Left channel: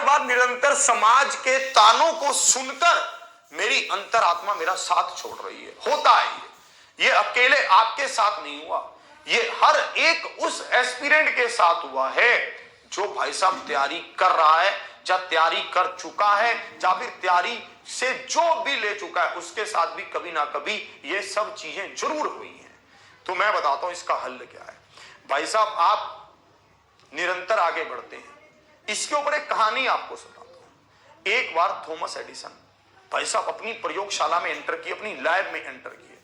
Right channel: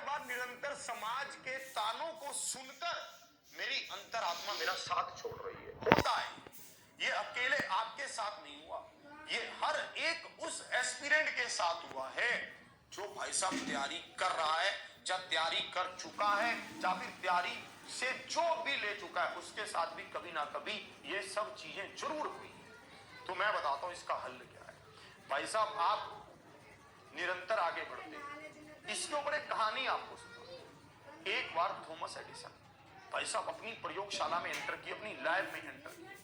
बार बार निरंतर समाज के तानों को सुनकर मेरी अंतरात्मा मेरा साथ छोड़ रही है। होता है ये अकेले आपके साथ नहीं हुआ, ये हर एक उस एस्पिरेंट के साथ हुआ है जो भाई साहब तैयारी कर रहा है, या तैयारी कर चुका है, या फिर तैयारी से जो भी ले चुका है, उसके साथ भी कभी ना कभी ये सब चीजें जरूर हुई हैं। तो मैं बताता हूं इसका हल क्या है। भाई साहब आप निरंतर आगे बढ़ते हैं, इसके ऊपर एक कहानी आपको सुनाता हूं। एक बार थॉमस एडिसन भाई साहब अपनी प्रयोगशाला में एंटर किए, अपनी लैब में एंटर किए।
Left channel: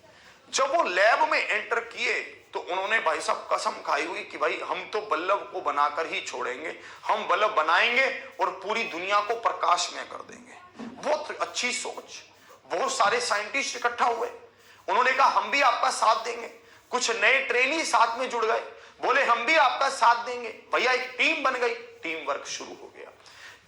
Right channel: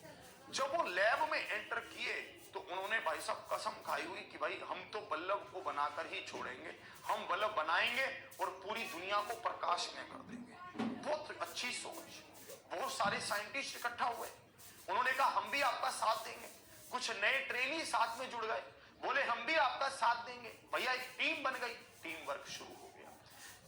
जब वो लैब में एंटर किए तो उन्होंने भाई साहब कसम खाई हुई कि भाई हम तो बल्ब को बनाकर ही छोड़ेंगे, हम बल्ब बनाएंगे और पूरी दुनिया को प्रकाशमय कर देंगे। बहुत अच्छी सोच, बहुत सारे साइंटिस्ट इकट्ठा हुए, उन्होंने कहा हम भी आपका साथ देंगे। कुछ नए ट्रेनी साथ में जुड़ गए, बोले हम भी आपका साथ देंगे। भैया एक टीम बन गई, टीम वर्क शुरू हो गया।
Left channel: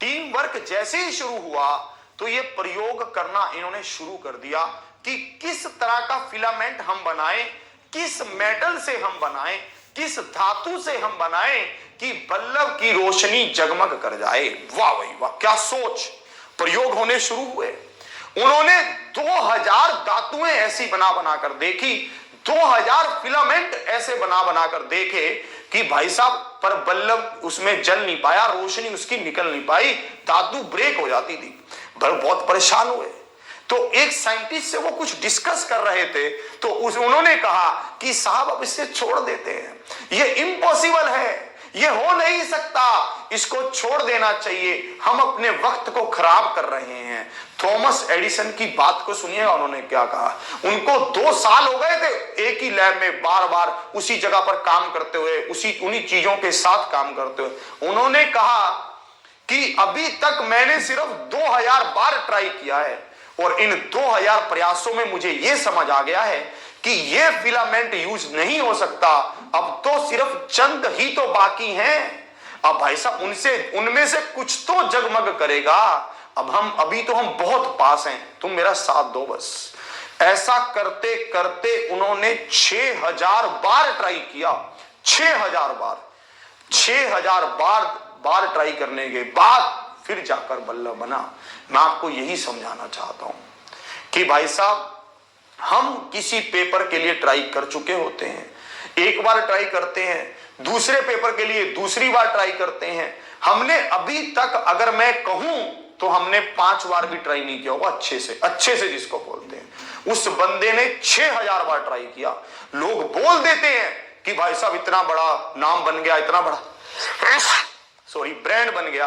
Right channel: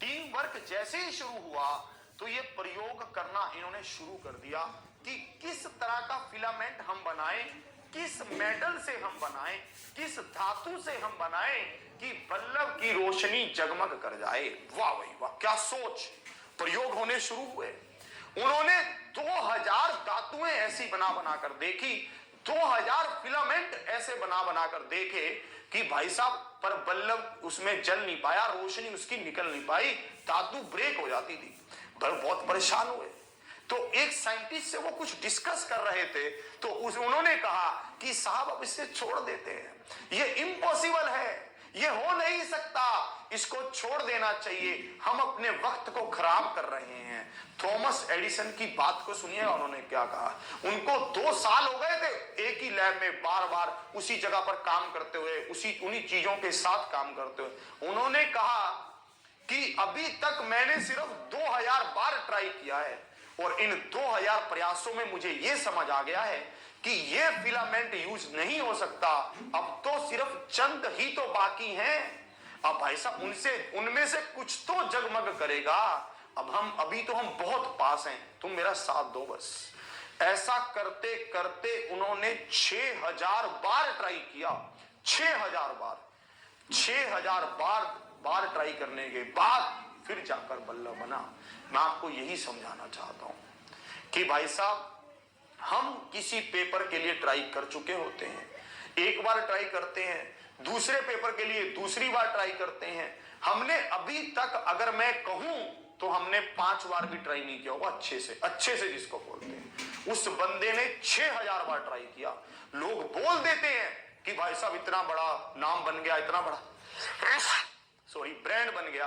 टीम वर्क जैसे ही शुरू हुआ तो ये प्रयोग करना इन्होंने शुरू कर दिया कि किस तरह का फिलामेंट हम बनाएं, किस मेटल से हम बनाएं, किस धातु से हम बनाएं कि बल्ब की रोशनी जगमग कर जाए। वाह भाई वाह, क्या सोच। प्रयोग होने शुरू हुए, उन्होंने 2000 धातुएं ऐसी बना बनाकर देखी, 2000 फिलामेंट ऐसे बना बनाकर देखे कि भाई साहब पर बल्ब उसमें जल नहीं पाया, रोशनी उसकी निकल नहीं पाई, धातु ब्रेक हो जाती थी। बहुत परेशान हुए। तो एक साइंटिस्ट से वो कुछ डिस्कस कर रहे थे, तो उन्होंने कहा कि साहब अब इससे छोड़ देते हैं, ये इम्पॉसिबल है, ये हो नहीं सकता, इसको छोड़ देना चाहिए, हम अपने वक्त को खराब कर रहे हैं। थॉमस एडिसन की बात को सुनिए, उन्होंने क्या कहा। उनको 2 साल हो गए थे एक ही लैब में बार बार उसी जगह पर काम करते हुए, उन्हीं चीजों के साथ काम करते हुए। उन्होंने कहा कि अभी तक मैंने सिर्फ 2000 बार ट्राई किया है और इन 2000 प्रयासों में मुझे यह समझ आ गया है कि यह फिलामेंट यूज नहीं हो सकता, अब तो सिर्फ चंद ही तो बाकी हैं। अब भाई साहब उनमें से कुछ तो जगमग करेगा। अभी तो हम बहुत पास हैं, तुम मेरा साथ दो बस। ऐसा करते करते उन्होंने 6000 बार ट्राई किया, 6000 बार, 6000 बार ट्राई करने के बाद फिर जाकर बल्ब बना। मैं आपको यही समझाना चाहता हूं कि भाई साहब हम किसी पेपर के लिए ट्राई कर चुके होते हैं, एक बार ट्राई करते हैं, दूसरे पेपर के लिए दूसरी बार ट्राई करते हैं। हमने अभी तक अगर मैं कहूं तो हमने 5 बार भी ट्राई नहीं किया होगा अच्छे से जिसको बोलते हैं। उस बंदे ने 6000 बार ट्राई किया। लोग बोल देते हैं कि भाई साहब इतना बड़ा नाम बन गया, इतना बड़ा ब्रांड बन गया,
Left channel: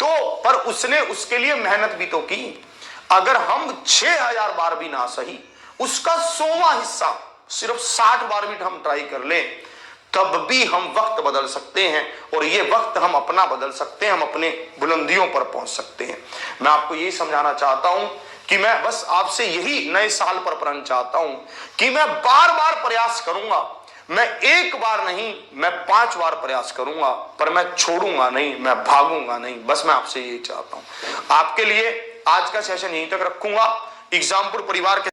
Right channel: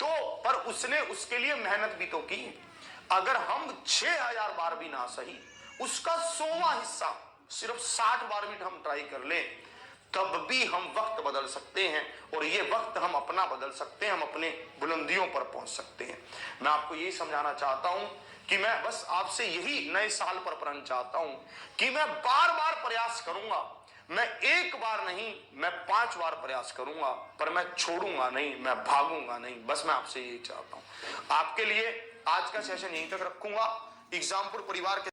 तो पर उसने उसके लिए मेहनत भी तो की। अगर हम 6000 बार भी ना सही, उसका 100वां हिस्सा सिर्फ 60 बार भी हम ट्राई कर ले, तब भी हम वक्त बदल सकते हैं और ये वक्त हम अपना बदल सकते हैं, हम अपने बुलंदियों पर पहुंच सकते हैं। मैं आपको यही समझाना चाहता हूं कि मैं बस आपसे यही नए साल पर प्रण चाहता हूं कि मैं बार बार प्रयास करूंगा, मैं एक बार नहीं, मैं 5 बार प्रयास करूंगा, पर मैं छोड़ूंगा नहीं, मैं भागूंगा नहीं। बस मैं आपसे यही चाहता हूं। आपके लिए आज का सेशन यहीं तक रखूंगा। एग्जामपुर परिवार के